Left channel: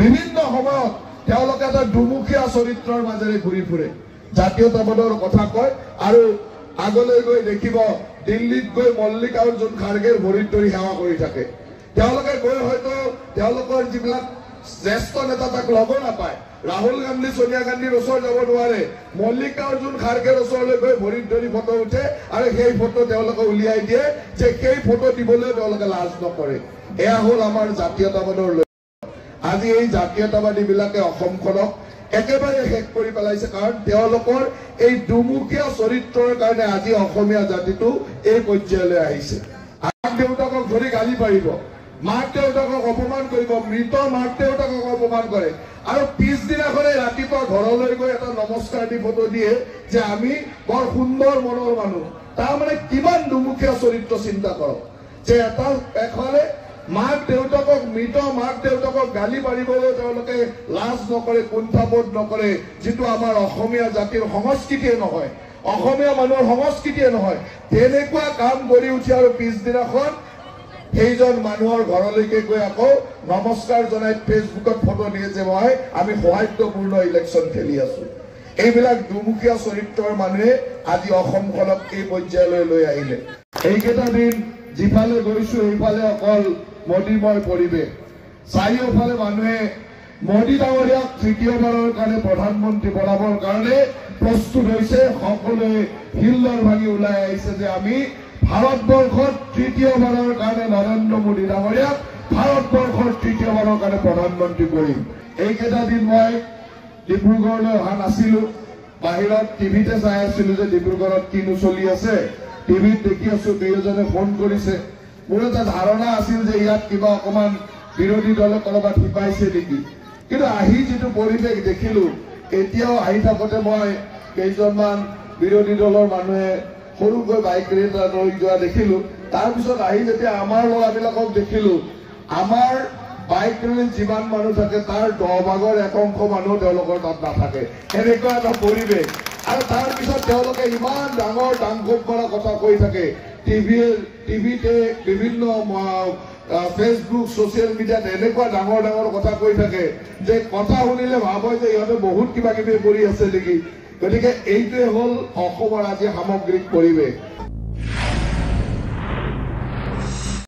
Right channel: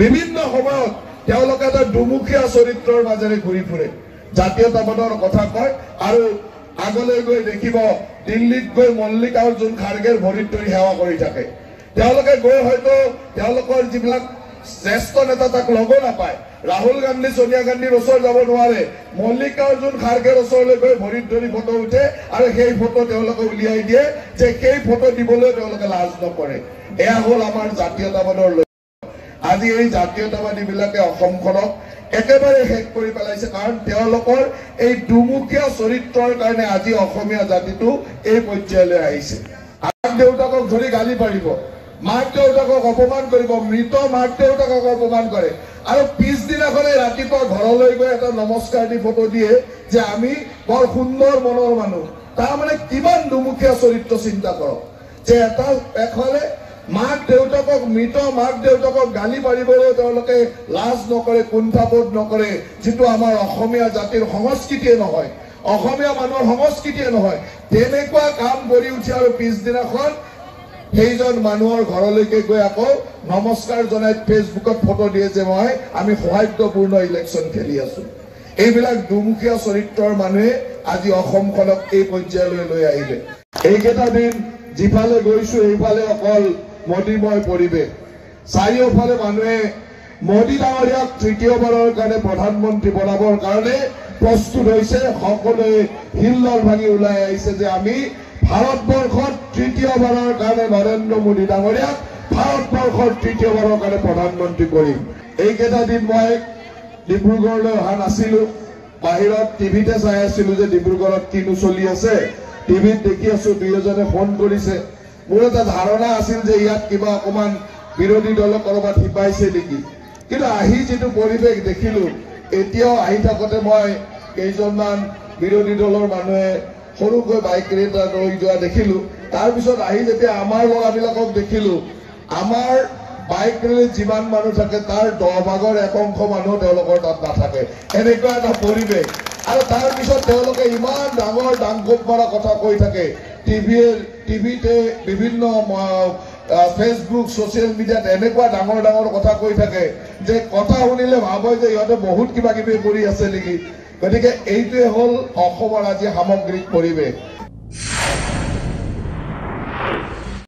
বিভিন্ন সময়ত তেওঁলোকে এটা দুমুখীয়া চৰিত্ৰৰ মাজেৰে ঘূৰি ফুৰে জাতীয়তাবাদৰ কথা কয় আৰু আগলৈ গৈ দেখিব দিল্লীত গৈ মল্লিকাৰ্জুন খাৰ্গেৰ ভৰিত ধৰি সেৱা কৰি থাকে তেওঁলোকে গৈ হয়তো তেওঁলোকৰ যিবিলাক জ্যেষ্ঠ নেতা তাক ল'ব নাপায় ৰাহুল গান্ধী সোনিয়া গান্ধীৰ ওচৰত যাব নোৱাৰে মল্লিকাৰ্জুন খাৰ্গেৰ ওচৰলৈ গৈ ভৰিত ধৰি ফটো উঠে আৰু সেই ফটো তেওঁলোকে উলিয়াই দিয়ে যে সেই ফটো দিবলৈ তেওঁলোকে লাজ নকৰে এয়া হ'ল আমাৰ জাতীয়তাবাদৰ আজি এই জাতীয়তাবাদী বিলাকে অসমখনক একেবাৰে শেষ কৰি পেলাইছে কাৰণ তেওঁলোকৰ এই দুমুখীয়া চৰিত্ৰৰ কাৰণে আজি অসমীয়া জাতিটো এই পৰ্যায়লৈ আহিছে মাক দেউতাকক ধৰি গালি পাৰিব মাক দেউতাকক অপমান কৰিব মৃত মাক দেউতাকক অপমান কৰে আৰু পিছদিনাখনে ৰাতিপুৱা ঘৰলৈ গৈ এটা নমস্কাৰ দি ফটো দিয়ে যে আমি বৰ সুন্দৰ মনৰ মানুহ তাৰমানে কিমান দুমুখীয়া চৰিত্ৰ চিন্তা কৰক যে এটা এফালে মাক দেউতাকক মৃত মাক দেউতাকক গালি পাৰিবলৈ তেওঁলোকে লাজ নকৰে কুণ্ঠাবোধ নকৰে যিটো আমাৰ অসমীয়া জাতিৰ সংস্কৃতিয়ে নহয় অসমীয়া মানুহৰ সংস্কৃতিয়ে নহয় তেনেকুৱা কাম কৰি উঠি আৰু পিছদিনাখন সেইজন মানুহৰ ঘৰলৈকে গৈ আকৌ নমস্কাৰ জনাই ফেচবুকত ফটো দিয়ে যে আমি সৌহাৰ্দ্যপূৰ্ণ ইলেকশ্যন খেলি আছো এইবিলাক দুমুখীয়া চৰিত্ৰৰ মানুহে আজি অসমখনক এই পৰ্যায়লৈ লৈ আহিলে এইকেইটা দিন যিফালে গৈছো এইফালে অকল মোদীময় পৰিৱেশ চাৰিওফালে মানুহে মোদী ডাঙৰীয়াক তৃতীয়বাৰৰ কাৰণে প্ৰধানমন্ত্ৰী বনাবৰ কাৰণে প্ৰস্তুত হৈছে সকলোৱে হিল্লল ভাঙি ওলাই আহিছে যে আমি ভাৰতবৰ্ষত তৃতীয়বাৰৰ কাৰণে নৰেন্দ্ৰ মোদী ডাঙৰীয়াক ভাৰতবৰ্ষৰ তৃতীয়বাৰৰ কাৰণে প্ৰধানমন্ত্ৰী কৰিম এইকেইটা দিন মই ডিব্ৰুগড়লৈ অহা নাছিলো বাহিৰত টিভিতে চাই আছিলো যে ডিব্ৰুগড়ত কিনো চলি আছে টিভিত দেখি আছো দুই এজনে ফোন কৰিছে মোৰ এটা ধাৰণা আছিল যে ইয়াত কিবা অকমান বিৰোধী দলক কৰবাত শিপাইছে নেকি কিন্তু আহি যিটো পৰিৱেশ দেখিলো এতিয়াও আহি থাকোতে মই কেইজনমান বিৰোধী দলৰ মানুহে সৰুকৈ বাইক ৰেটা লৈ যোৱা দেখিলো তাৰপিছত আহি যেতিয়া আমাৰ ল'ৰাবিলাকক দেখিলো আমাৰ বাইক ৰেলীত যিমান মানুহ থাকে তাৰ 10 ভাগৰ 1 অংশ মানুহ তেওঁলোকৰ তাত নাথাকে এনেকুৱা এটা পৰিৱেশ আৰু তাৰপিছত তেওঁলোকে ইমান ডাঙৰ ডাংকুট মৰা কথা কৈ থাকে টিভিতে বিভিন্ন ফেচবুক সোশ্যাল মিডিয়াত এনেকুৱা ডাঙৰ ডাঙৰ কথা কৈ থাকে যে কথা শুনিলে ভাবে যে ইহঁতে বহুত কিবা কিবি কৰি আছে নেকি গতিকে এইটোৱে হ'ল অসমৰ আজি সামগ্ৰিক পৰিৱেশ